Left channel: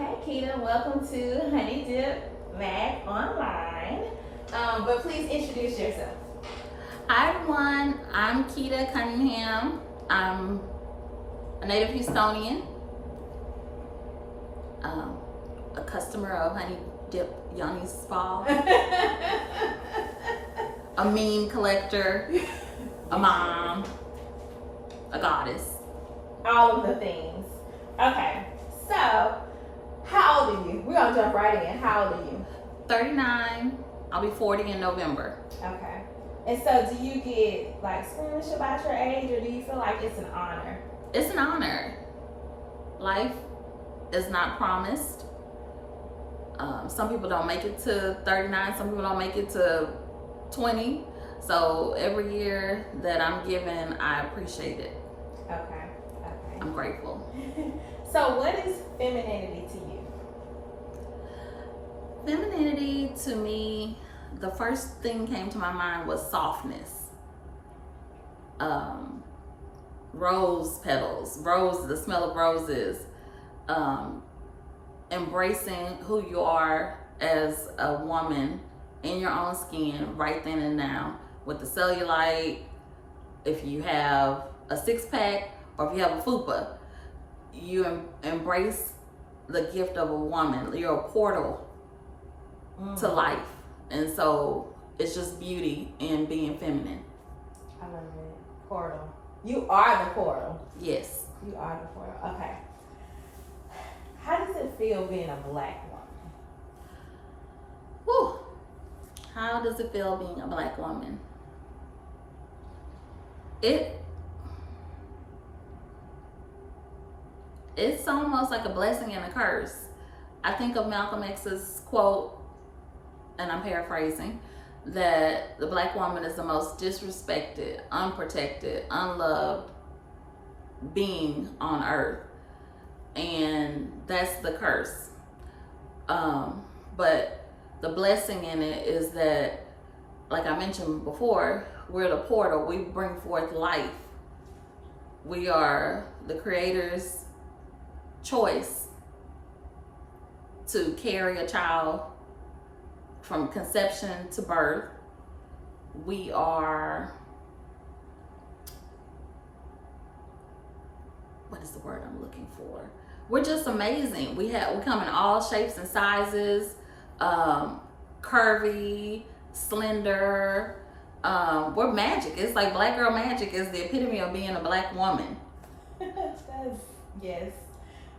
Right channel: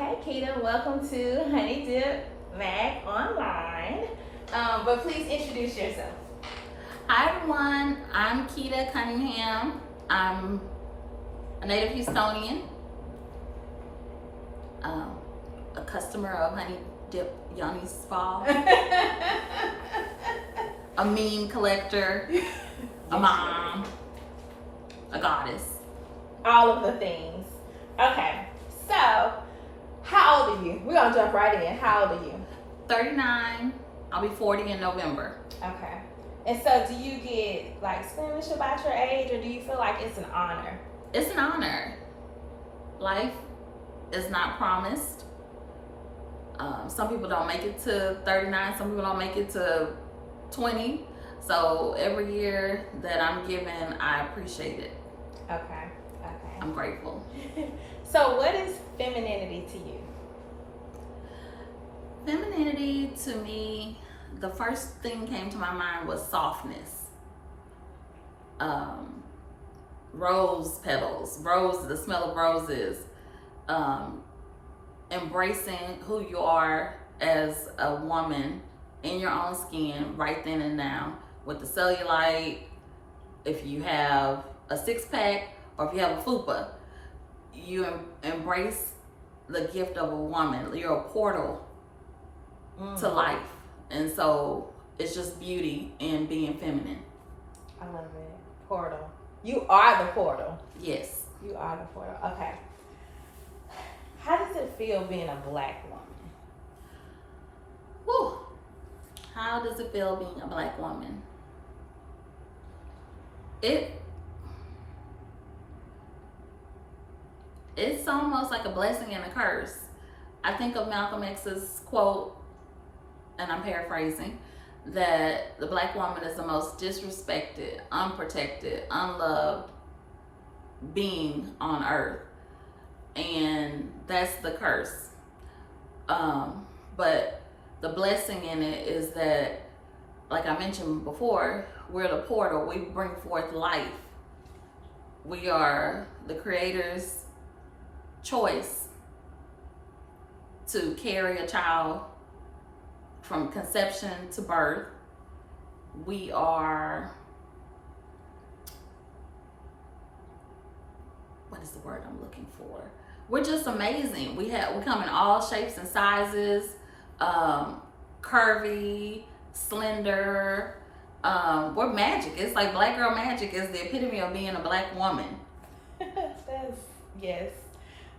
Okay, Keda, welcome to Honey Dip Mag Online. But please introduce yourself. Hi everyone, I'm Keda Cunningham. I'm a native Houstonian, a customer of Honey Dip Yoni Spa, a meme collector, a mom, a goddess. All of the things. Okay, so how old are you? We're gonna jump right in. How old are you? 39. I'll be 40 in November. Okay. And so do you get like squeamish about your age, or do you feel like it's an honor? It's an honor. Life is not promised. Some people don't make it to 39. Some people don't make it to 20. So every year that I'm given, I appreciate it. Okay. I'm grateful. So what is femininity to you? Femininity to me, the first thing came to my mind was softness. Rose petals, the smell of roses, embracing who you are as a woman in your own skin right then and now with the cellulite. If you have a six-pack or if you have a fupa, you embrace the gift of a woman. You're a portal to life. And so it's just beauty in being feminine. I love it. Portal. You are the portal. Yes. You are the portal. Okay. How does it feel being a black woman? Whew. How does it feel being a black woman? It's almost like a blessing and a curse. I think of Malcolm X's quote, and I'm paraphrasing, that the black woman is the most disrespected, unprotected, unloved being on earth. And that's the curse. But the blessing in it is that, like I mentioned before, we're the portal. We bring forth life. We are the Creator's choice to carry a child from conception to birth. We are, what is the word I'm looking for? We're just amazing. We come in all shapes and sizes, curvy, slender. We're magic. It's like black girl magic is the epitome of being a black woman. Yes.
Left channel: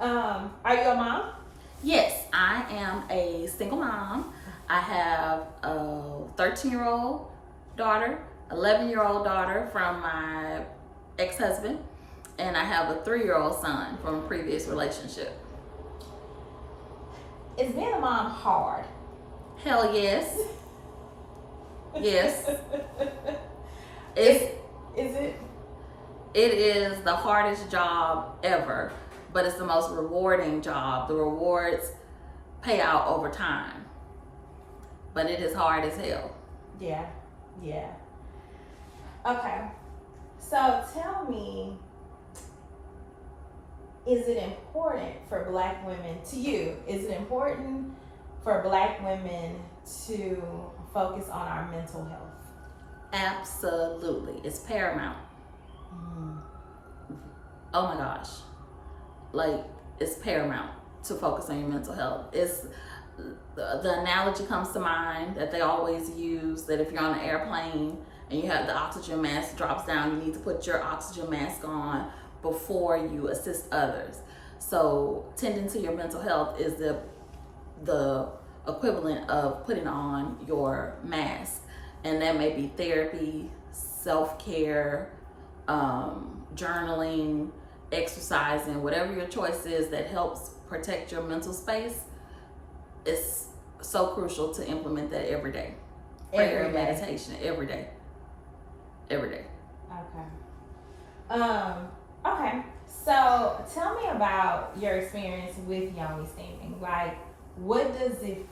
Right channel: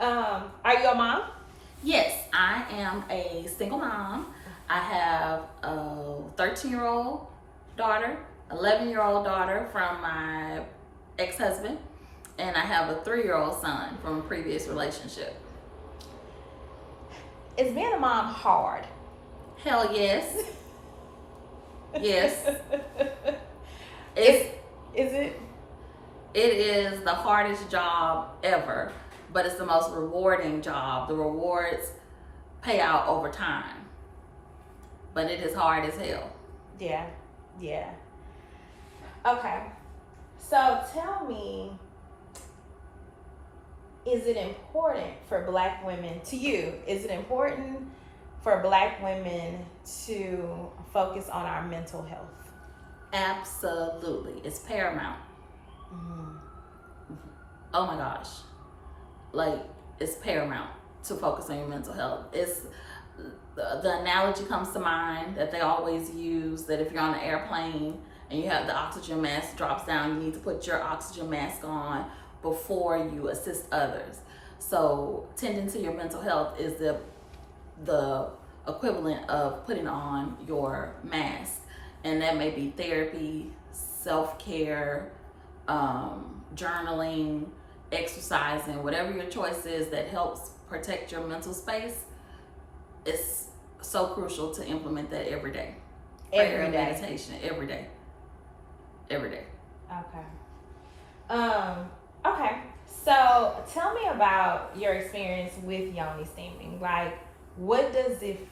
Are you a mom? Yes, I am a single mom. I have a 13-year-old daughter, 11-year-old daughter from my ex-husband, and I have a 3-year-old son from a previous relationship. Is being a mom hard? Hell yes. Yes. Is it? It is the hardest job ever, but it's the most rewarding job. The rewards pay out over time, but it is hard as hell. Yeah. Okay. So tell me, is it important for black women, to you, is it important for black women to focus on our mental health? Absolutely. It's paramount. Oh my gosh. Like, it's paramount to focus on your mental health. It's the analogy comes to mind that they always use, that if you're on an airplane and you have the oxygen mask drops down, you need to put your oxygen mask on before you assist others. So tending to your mental health is the equivalent of putting on your mask. And that may be therapy, self-care, journaling, exercising, whatever your choice is that helps protect your mental space. It's so crucial to implement that every day. Prayer and meditation every day. Okay. Okay. So tell me about your experience with Yoni Steaming. Like, what did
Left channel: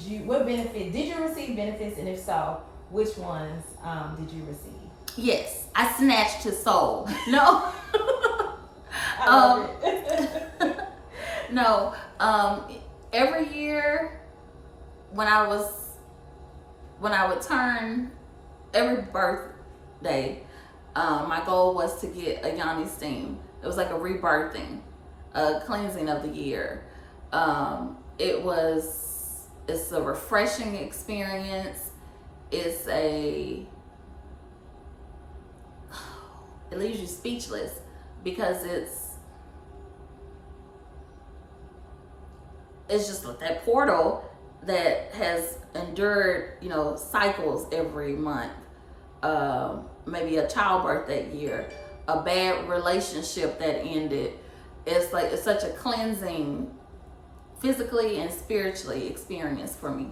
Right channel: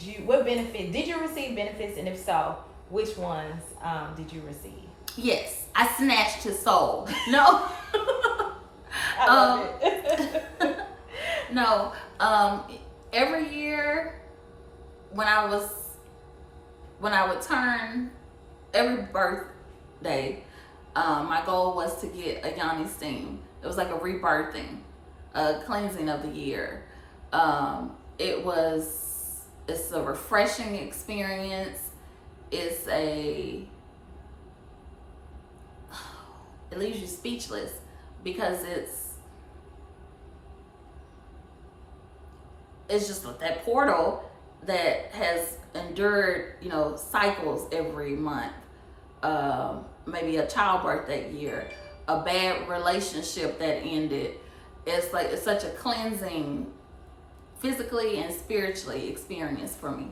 you receive benefits, and if so, which ones did you receive? Yes, I snatched his soul. No. I love it. No, every year when I would turn every birthday, my goal was to get a Yoni Steam. It was like a rebirthing, a cleansing of the year. It's a refreshing experience. It leaves you speechless because it's just like that portal that has endured, cycles every month. Maybe a childbirth that year, a bad relationship that ended. It's such a cleansing, physically and spiritually experience for me.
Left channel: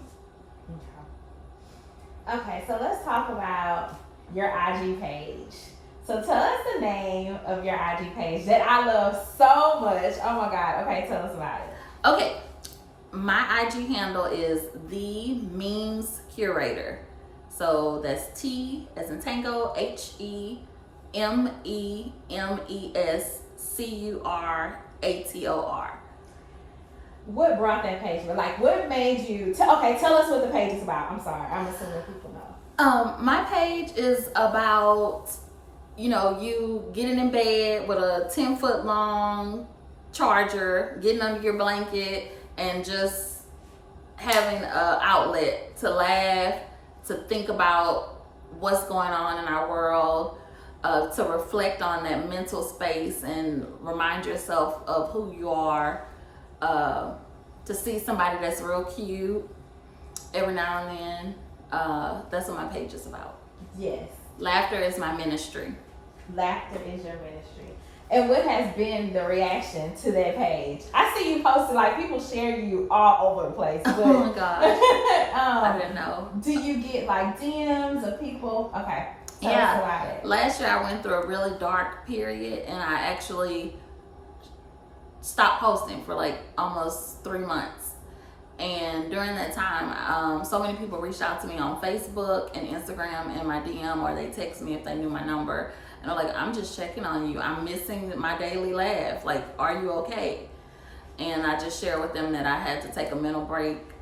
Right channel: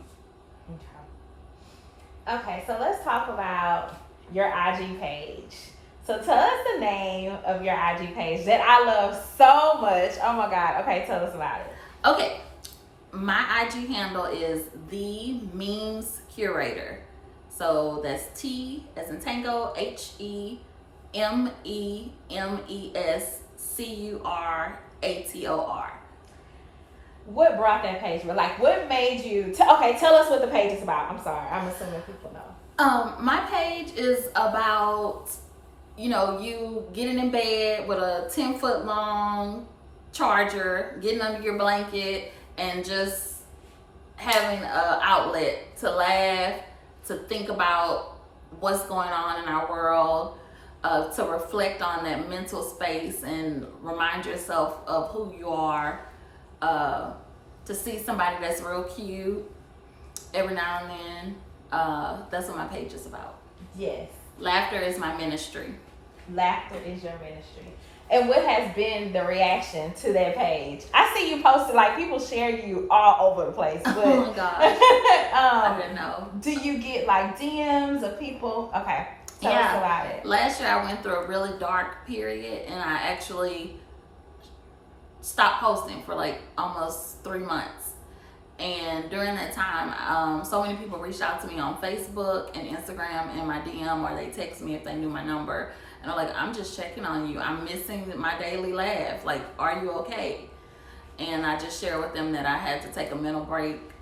Okay, so let's talk about your IG page. So tell us the name of your IG page that I love so much. Oh my God. Okay, tell us about it. Okay, my IG handle is the Memes Curator. So that's T as in Tango, HEMEMESCURATOR. What brought that page? What made you? Tell us what the page is about. I'm sorry, I'm assuming people know. My page is about, you getting in bed with a 10-foot long charger, getting under your blanket, and just having an outlet to laugh, to think about what's going on in our world, to reflect on that mental space and remind yourself of who you are, to see somebody that's real cute every now and then. That's what my page is about. Yes. Laughter is my ministry. Laughter is your ministry. And what has been the reaction to that page? I see you posted, people share you all over the place. But, oh my gosh. I didn't know. Do you get DMs of people? Okay. Tell us about it. Last year I went through a really dark period and I actually stopped posting for almost 3 months. And during that time, so many people reached out to me on Facebook and Instagram and my DM, or they text me if they knew my number. And I'm like, I'm just checking on you. I'm missing my daily laugh. Are you okay? And I just share with them that I had to take a mental break,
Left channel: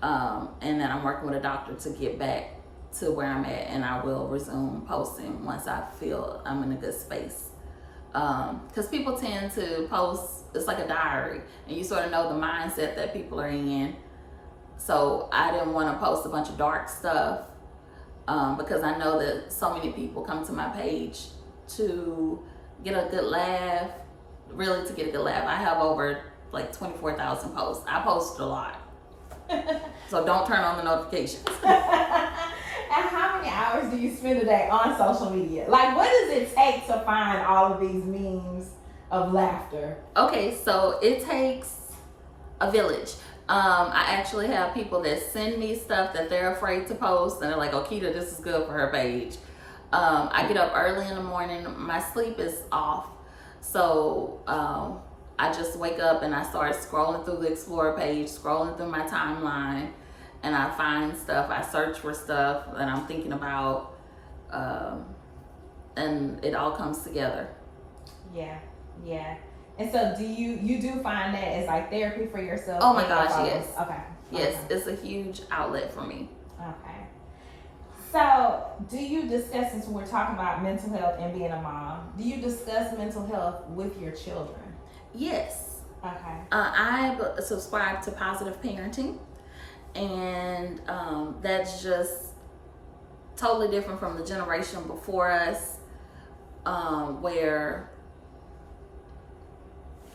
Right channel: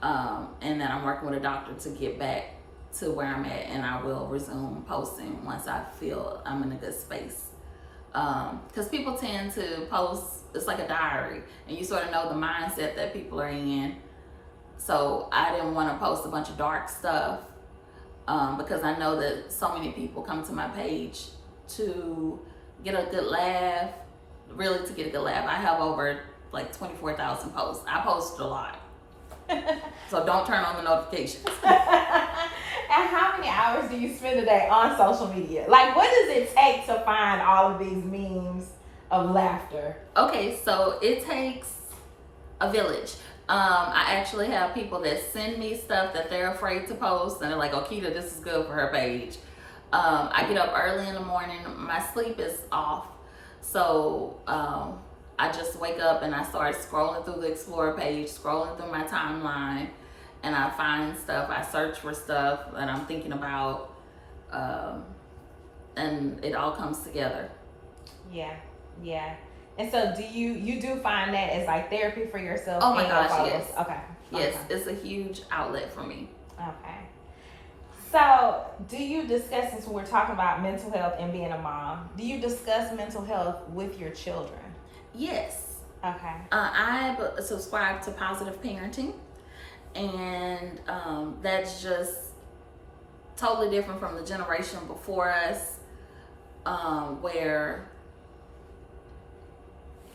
and that I'm working with a doctor to get back to where I'm at. And I will resume posting once I feel I'm in a good space. Because people tend to post, it's like a diary, and you sort of know the mindset that people are in. So I didn't want to post a bunch of dark stuff, because I know that so many people come to my page to get a good laugh, really to get a good laugh. I have over 24,000 posts. I post a lot. So don't turn on the notifications. And how many hours do you spend a day on social media? What does it take to find all of these memes of laughter? Okay, so it takes a village. I actually have people that send me stuff that they're afraid to post, and they're like, "Oh, Keda, this is good for her page." I get up early in the morning. My sleep is off, so I just wake up and I start scrolling through the Explorer page, scrolling through my timeline, and I find stuff. I search for stuff that I'm thinking about, and it all comes together. Yeah. And so do you do find that as therapy for yourself? Oh my gosh, yes. Okay. Yes, it's a huge outlet for me. Okay. So do you discuss, since we're talking about mental health and being a mom, do you discuss mental health with your children? Yes. Okay. I subscribe to positive parenting, and that's just totally different from the generation before us, where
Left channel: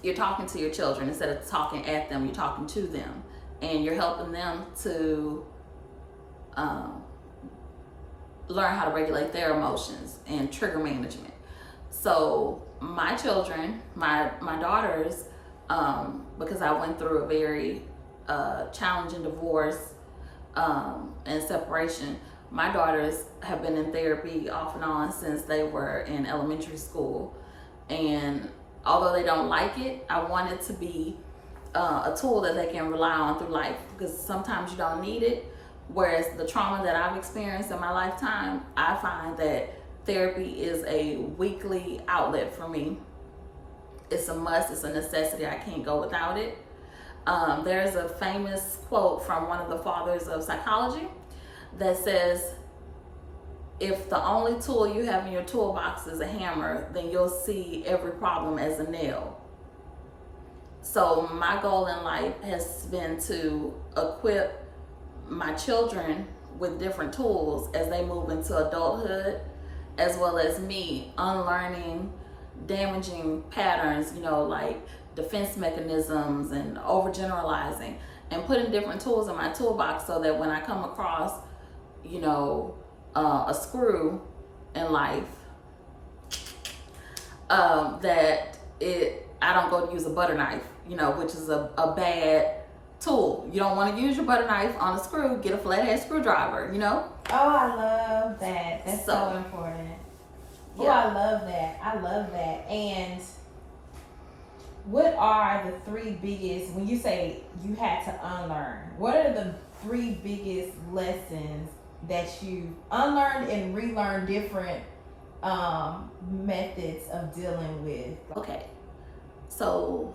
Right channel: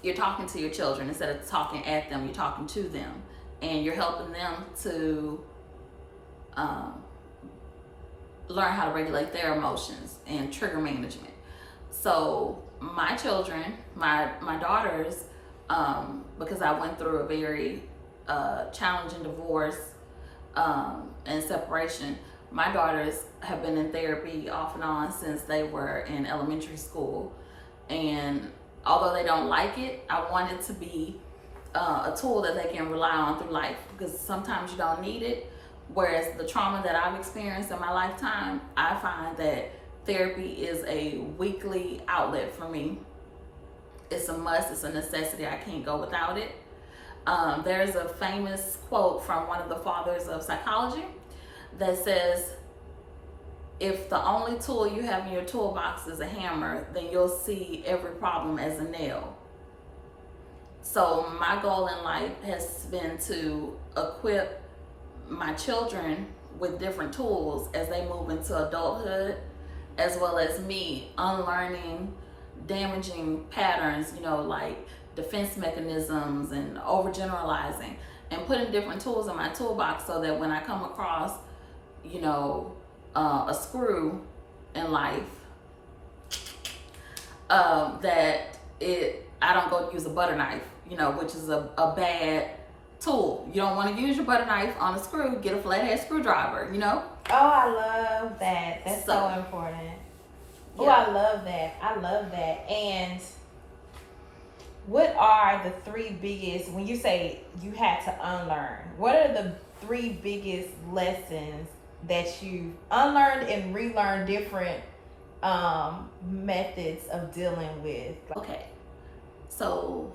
you're talking to your children instead of talking at them. You're talking to them, and you're helping them to learn how to regulate their emotions and trigger management. So my children, my daughters, because I went through a very challenging divorce and separation, my daughters have been in therapy off and on since they were in elementary school. And although they don't like it, I want it to be a tool that they can rely on through life, because sometimes you don't need it. Whereas the trauma that I've experienced in my lifetime, I find that therapy is a weekly outlet for me. It's a must, it's a necessity. I can't go without it. There's a famous quote from one of the fathers of psychology that says, if the only tool you have in your toolbox is a hammer, then you'll see every problem as a nail. So my goal in life has been to equip my children with different tools as they move into adulthood, as well as me unlearning damaging patterns, like defense mechanisms and overgeneralizing, and putting different tools in my toolbox so that when I come across, a screw in life, I don't go to use a butter knife, which is a bad tool. You don't want to use your butter knife on a screw. Get a flathead screwdriver, Oh, I love that. That's so important. Yeah. Oh, I love that. And what are the three biggest, when you say you had to unlearn, what are the three biggest lessons that you unlearned and relearned different methods of dealing with? Okay, so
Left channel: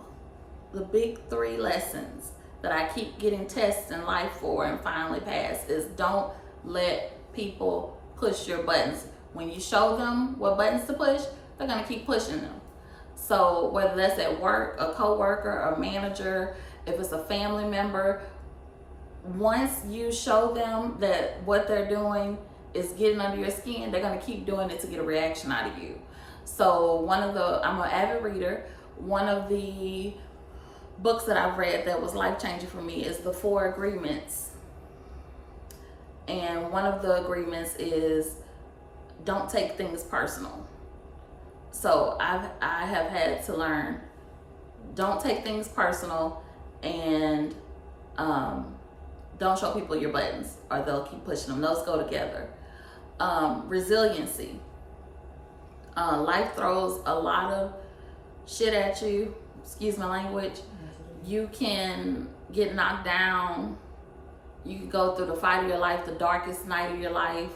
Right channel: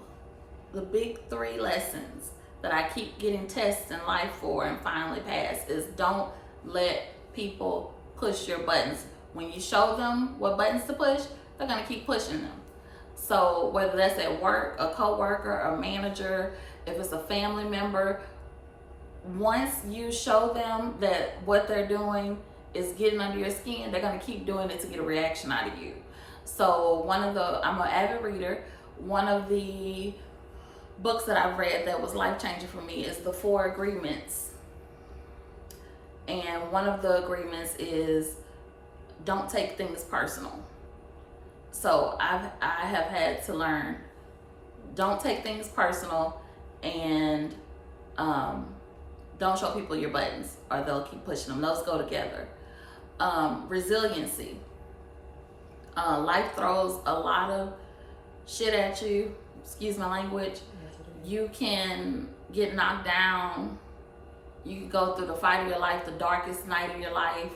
the big three lessons that I keep getting tests in life for and finally pass is don't let people push your buttons. When you show them what buttons to push, they're gonna keep pushing them. So whether that's at work, a coworker, a manager, if it's a family member, once you show them that what they're doing is getting under your skin, they're gonna keep doing it to get a reaction out of you. So I'm an avid reader. One of the books that I've read that was life-changing for me is The 4 Agreements. And one of the agreements is don't take things personal. So I have had to learn, don't take things personal, and don't show people your buttons or they'll keep pushing them. Those go together. Resiliency. Life throws a lot of shit at you, excuse my language. You can get knocked down. You can go through the fight of your life, the darkest night of your life,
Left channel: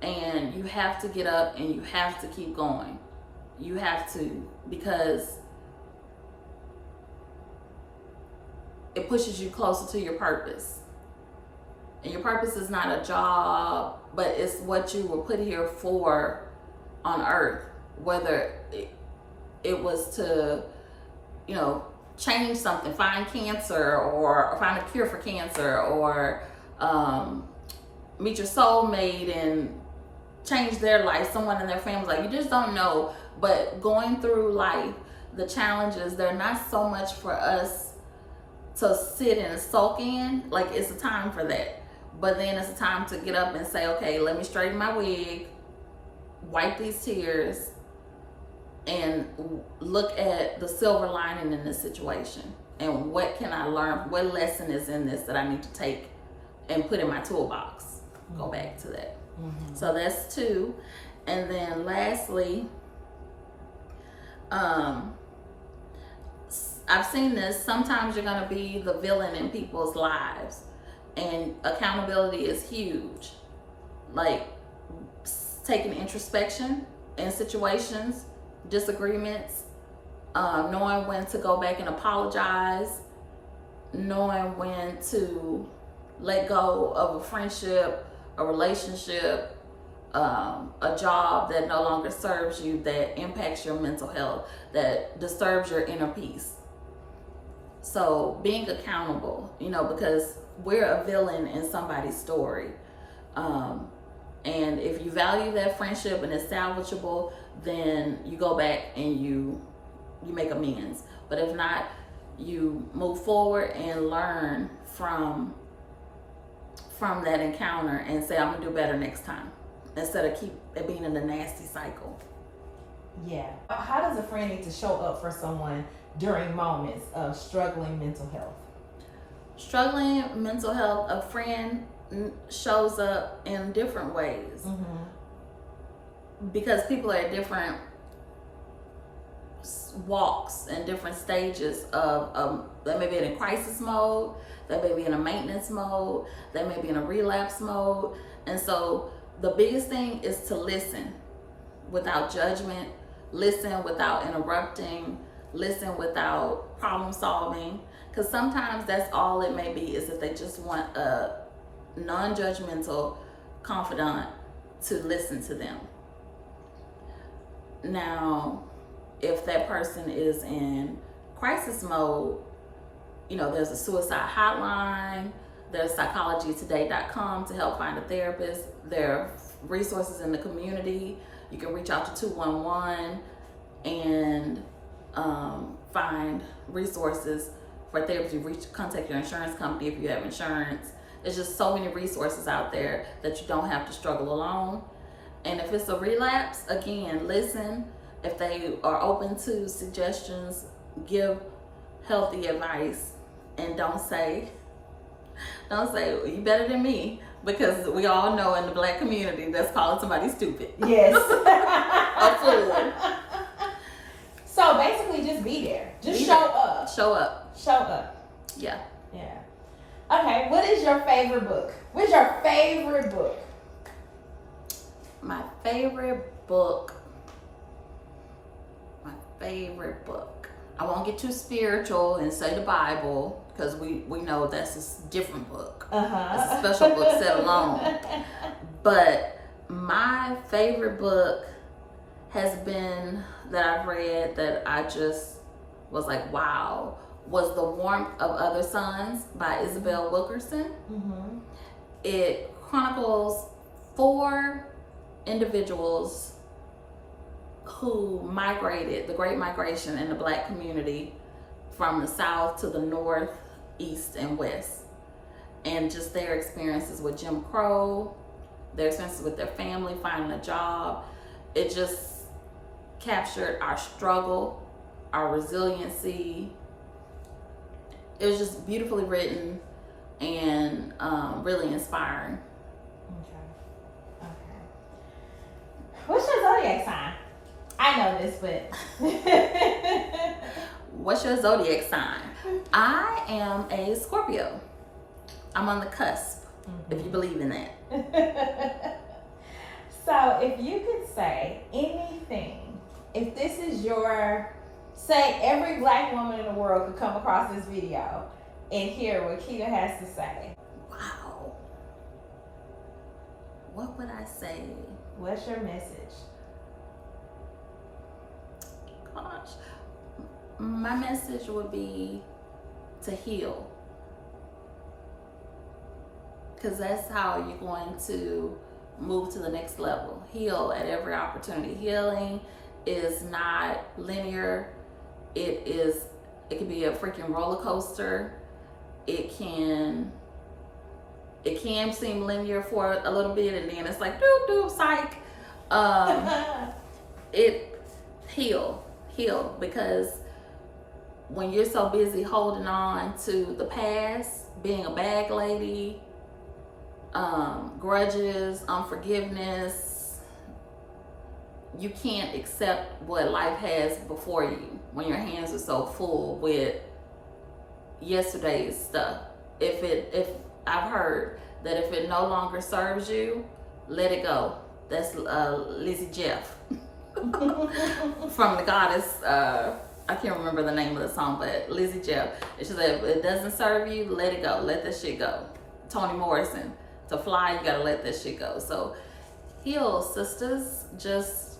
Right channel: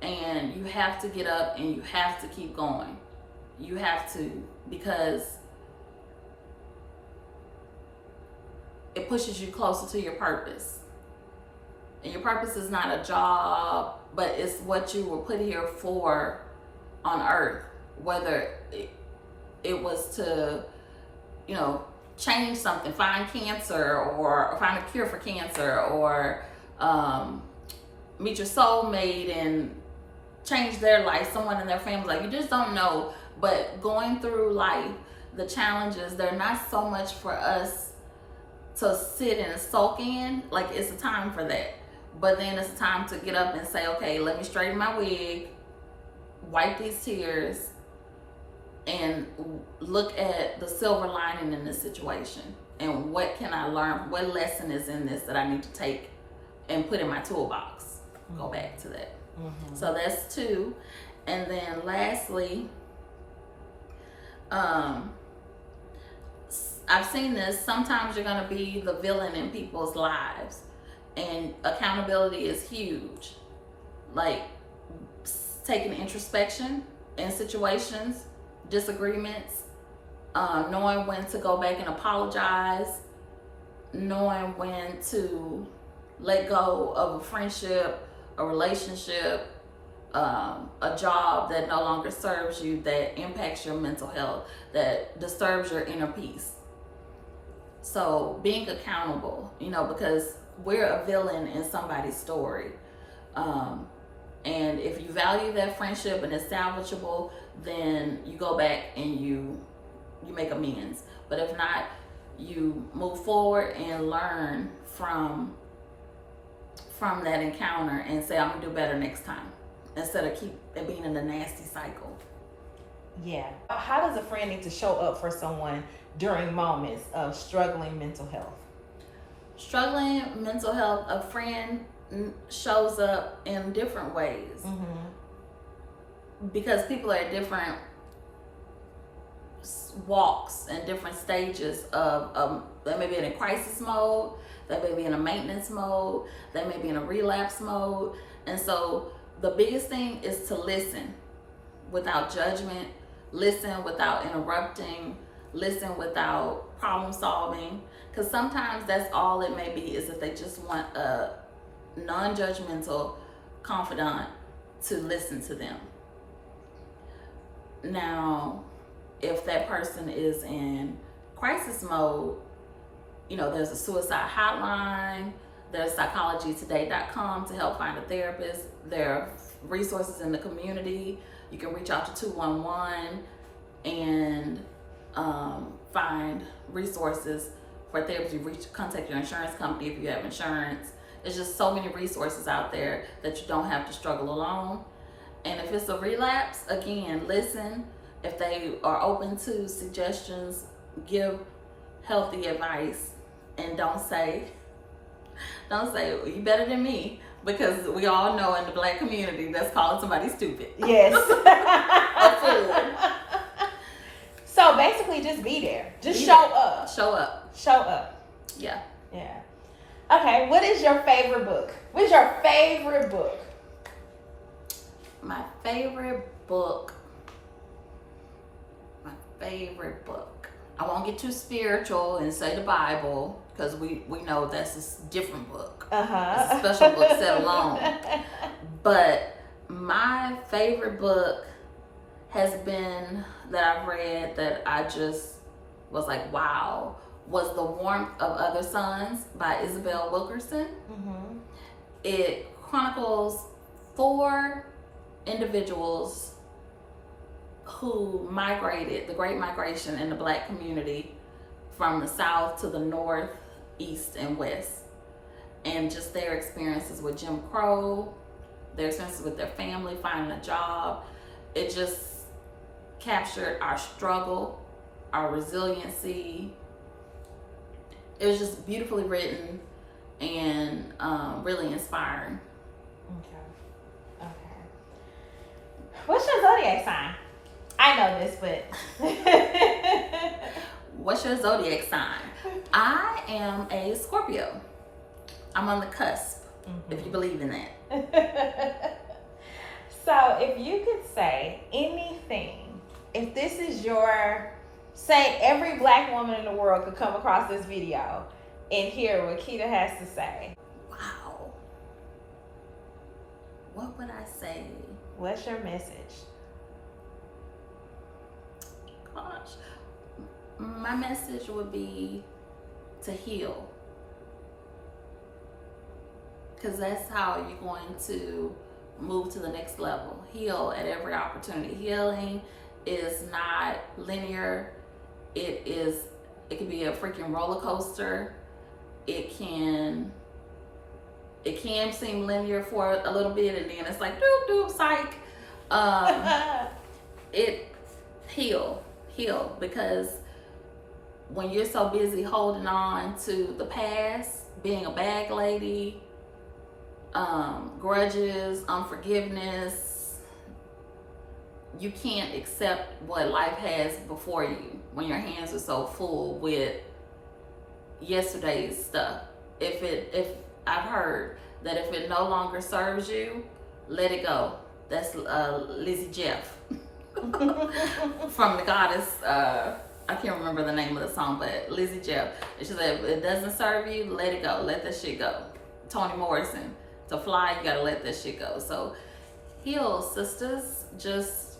and you have to get up and you have to keep going. You have to, because it pushes you closer to your purpose. And your purpose is not a job, but it's what you were put here for on earth. Whether it was to, change something, find cancer or find a cure for cancer, or meet your soulmate and change their life, someone in their family. Like, you just don't know. But going through life, the challenges, they're not so much for us to sit and sulk in. Like, it's a time for that. But then it's a time to get up and say, okay, let me straighten my wig, wipe these tears, and look at the silver lining in this situation. And what can I learn? What lesson is in this that I need to take and put in my toolbox? Go back to that. Mm-hmm. So that's 2. And then lastly, I've seen this. Sometimes you're going to be the villain in people's lives. And accountability is huge. Like taking introspection in situations, disagreements, knowing when to go back and apologize, knowing when to let go of a friendship, a relationship, a job that no longer serves you, that impacts your mental health, that disturbs your inner peace. So being accountable, because we're a villain in somebody's story. And if you value that friendship and it's salvageable, then you go back and you make amends. But if not, you move forward and learn from that encounter and say, I'm gonna do better next time, instead of keep it being in the nasty cycle. Yeah. How does a friend need to show up for someone during moments of struggling mental health? Struggling mental health, a friend shows up in different ways. Mm-hmm. Because people are at different walks and different stages of they may be in a crisis mode, they may be in a maintenance mode, they may be in a relapse mode. And so the biggest thing is to listen without judgment, listen without interrupting, listen without problem solving, because sometimes that's all it may be, is that they just want a non-judgmental confidant to listen to them. Now, if that person is in crisis mode, you know, there's a suicide hotline, there's psychologytoday.com to help find a therapist. There are resources in the community. You can reach out to 211 and find resources for therapy. Contact your insurance company if you have insurance. There's just so many resources out there that you don't have to struggle alone. And if it's a relapse, again, listen. If they are open to suggestions, give healthy advice, and don't say you better than me, because we all know in the Black community that's calling somebody stupid. Yes. A fool. So basically, just be there. Just show up. Show up. Show up. Yeah. Yeah. Okay. What is your favorite book? What is your favorite book? My favorite book. I won't get too spiritual and say the Bible, because we know that's a different book. It's a special book set alone. But my favorite book has been, that I've read, that I just was like, wow, was The Warmth of Other Suns by Isabel Wilkerson. Mm-hmm. It chronicles 4 individuals who migrated, the Great Migration in the Black community, from the South to the North, East, and West. And just their experiences with Jim Crow, their experiences with their family, finding a job. It just captured our struggle, our resiliency. It was just beautifully written and really inspiring. Okay. What's your zodiac sign? I know this, but what's your zodiac sign? I am a Scorpio. I'm on the cusp, if you believe in that. So if you could say anything, if this is your, say every Black woman in the world could come across this video and hear what Keda has to say. Wow. What would I say? What's your message? Gosh. My message would be to heal. Because that's how you're going to move to the next level. Heal at every opportunity. Healing is not linear. It can be a freaking roller coaster. It can seem linear for a little bit, and then it's like doop psych. Heal, because when you're so busy holding on to the past, being a bag lady, grudges, unforgiveness, you can't accept what life has before you when your hands are so full with yesterday's stuff. If I've heard that if it no longer serves you, let it go. That's Lizzie Jeff from the Goddess. I can't remember the name of the song, but Lizzie Jeff. She said, if it doesn't serve you, let it go. Let that shit go. Toni Morrison. To fly, you gotta let that shit go. So heal, sisters. Just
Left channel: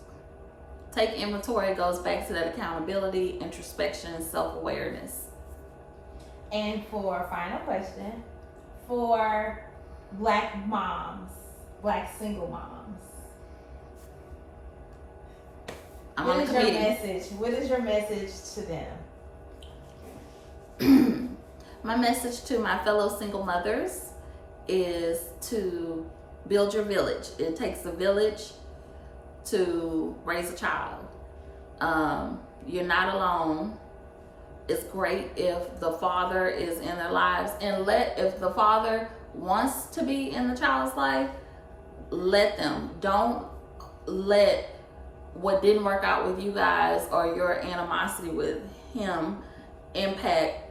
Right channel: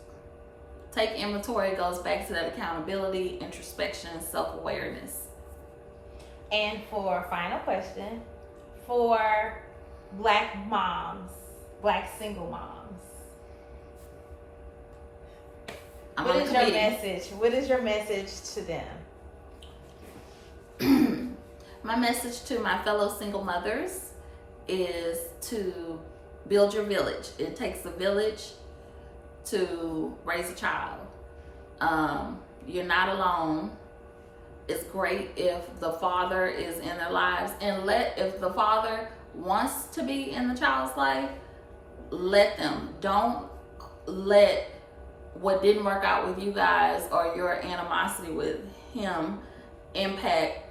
take inventory. It goes back to that accountability, introspection, self-awareness. And for final question, for Black moms, Black single moms, what is your message to them? My message to my fellow single mothers is to build your village. It takes a village to raise a child. You're not alone. It's great if the father is in their lives, and if the father wants to be in the child's life, let them. Don't let what didn't work out with you guys or your animosity with him impact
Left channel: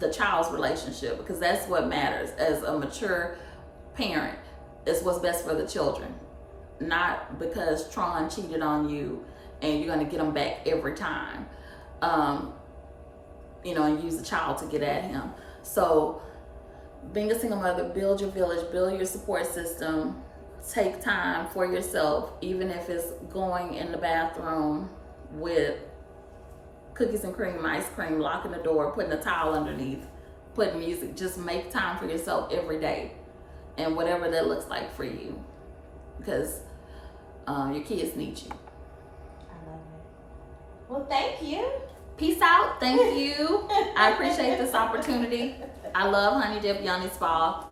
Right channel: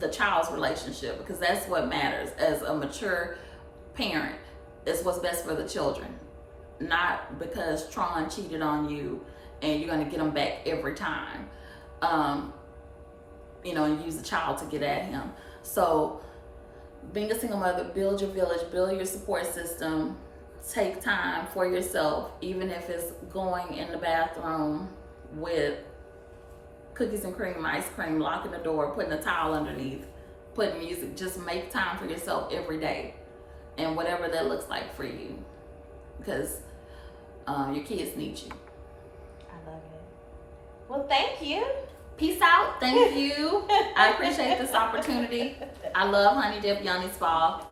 the child's relationship, because that's what matters. As a mature parent, it's what's best for the children, not because Tron cheated on you and you're going to get them back every time. and use the child to get at him. So being a single mother, build your village, build your support system, take time for yourself, even if it's going in the bathroom with cookies and cream, ice cream, locking the door, putting a towel underneath, putting music. Just make time for yourself every day, and whatever that looks like for you, because your kids need you. I love it. Well, thank you. Peace out. Thank you. I appreciate this opportunity. I love Honey Dip Yoni Spa.